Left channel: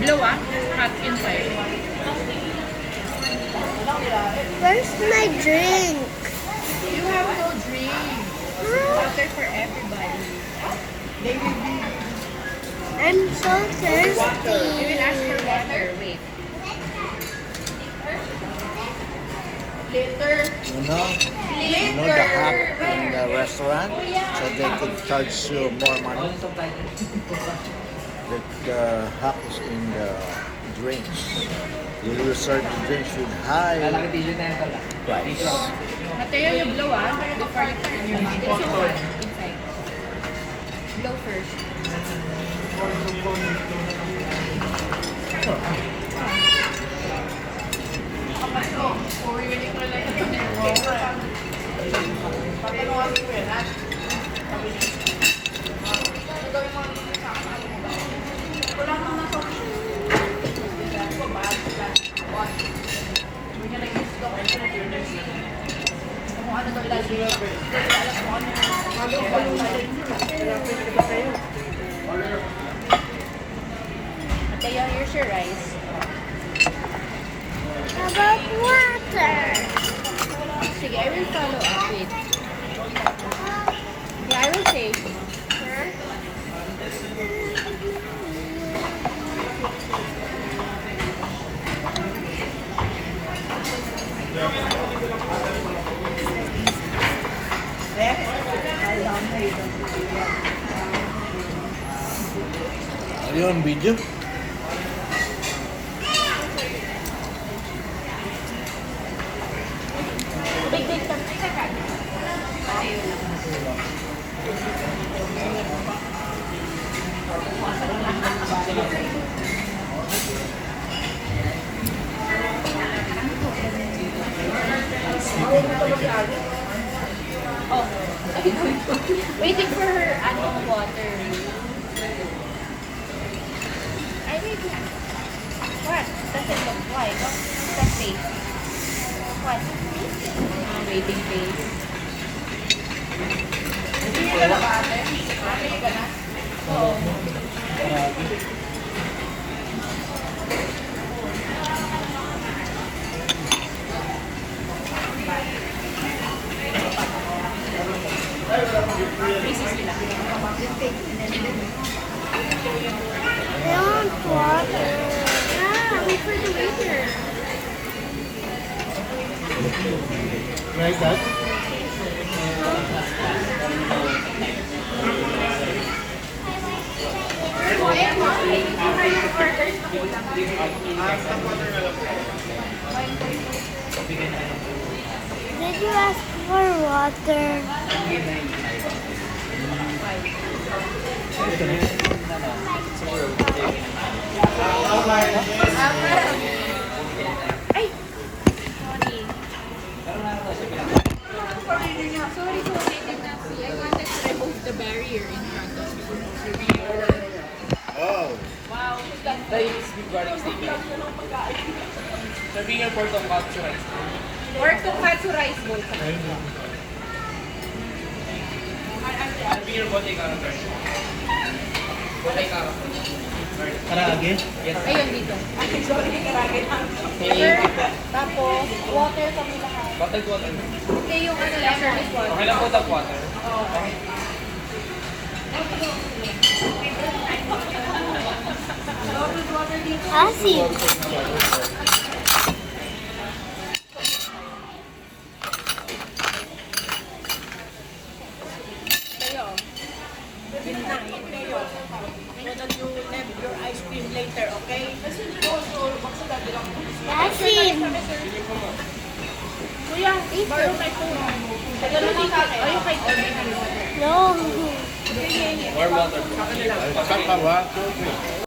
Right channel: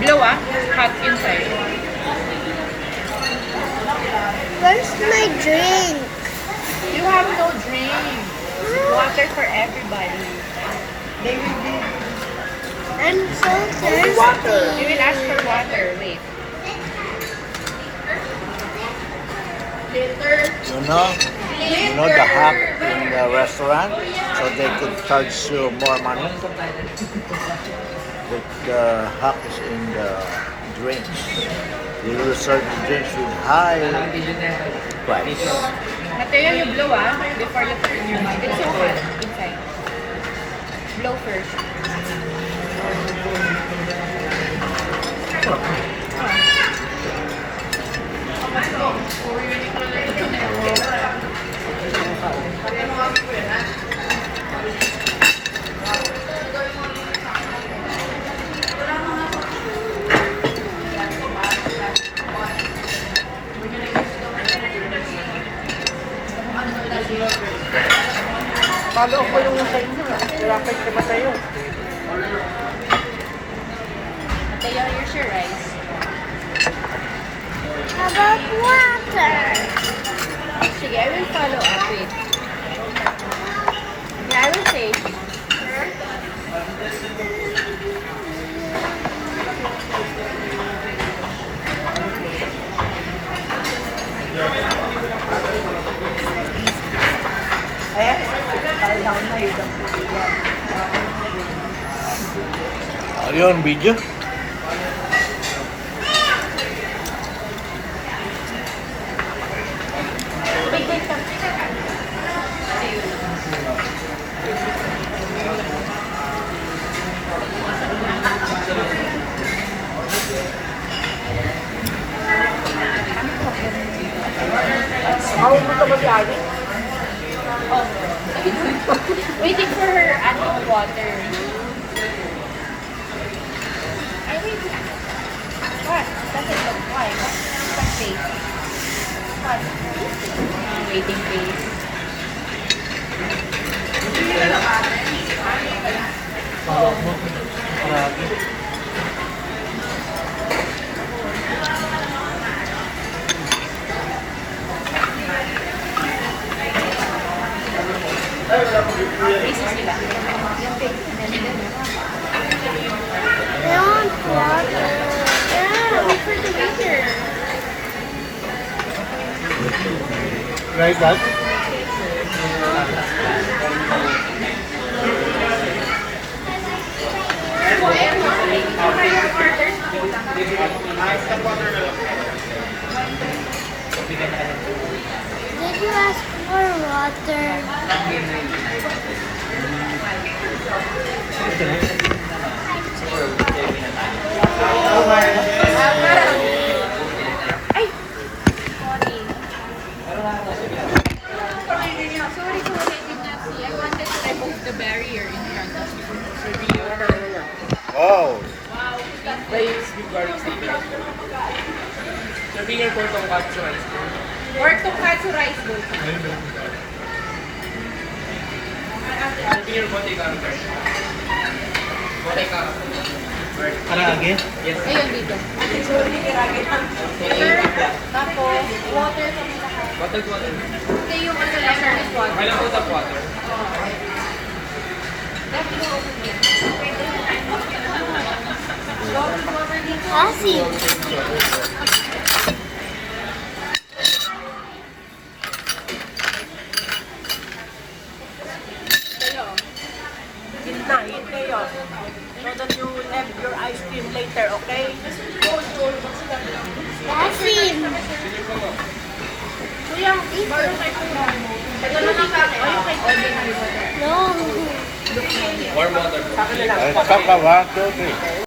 Blue hot inside. Where's my drink? You have no drink. Water for everybody. I'm so thirsty. You will ask for water. Wait. You know the hack in the restaurant, so they could charge you more money. But the hack is in the drinks. You will serve the drinks with high price. Material you blow before you turn. It's too hot inside. Blow first. Kalo ko yung sa'yo na. Lapit ka ba sa'yo? Mateo, here's your rice. How about water? Sige, I will follow up with. Yeah, I will say. Are you on video? Wait, wait, stop. Ako mo ito mag-lagi. Oh. Waiting for her water. I wait. What? Doesn't look why? What's safe? What? Waiting phase. Oh. I want water. Yeah, wait for the waiter. Where is that? Did you ask for water? Ay! Sorry. Sorry for waiting up. I wanted to remove the barrier in front of you. Oh, Sabihin niyo po itong watch rice. Or to cut to rice both. Sabihin niyo po tingnan rice. Botay ka. parang lagi? Yes. Ayun dito. Water, tapos water sa lahat. Bottled water. Hindi yung ano lang, service water. Kailan po tap water? Bottled water dito. Kasi. Kayo. Yun na, hindi yun. So that you have your ice cream later, okay? Kasi. Kuya, dito. Ito naman sa akin. No. Warm water. I'll talk about 1, 2, 3.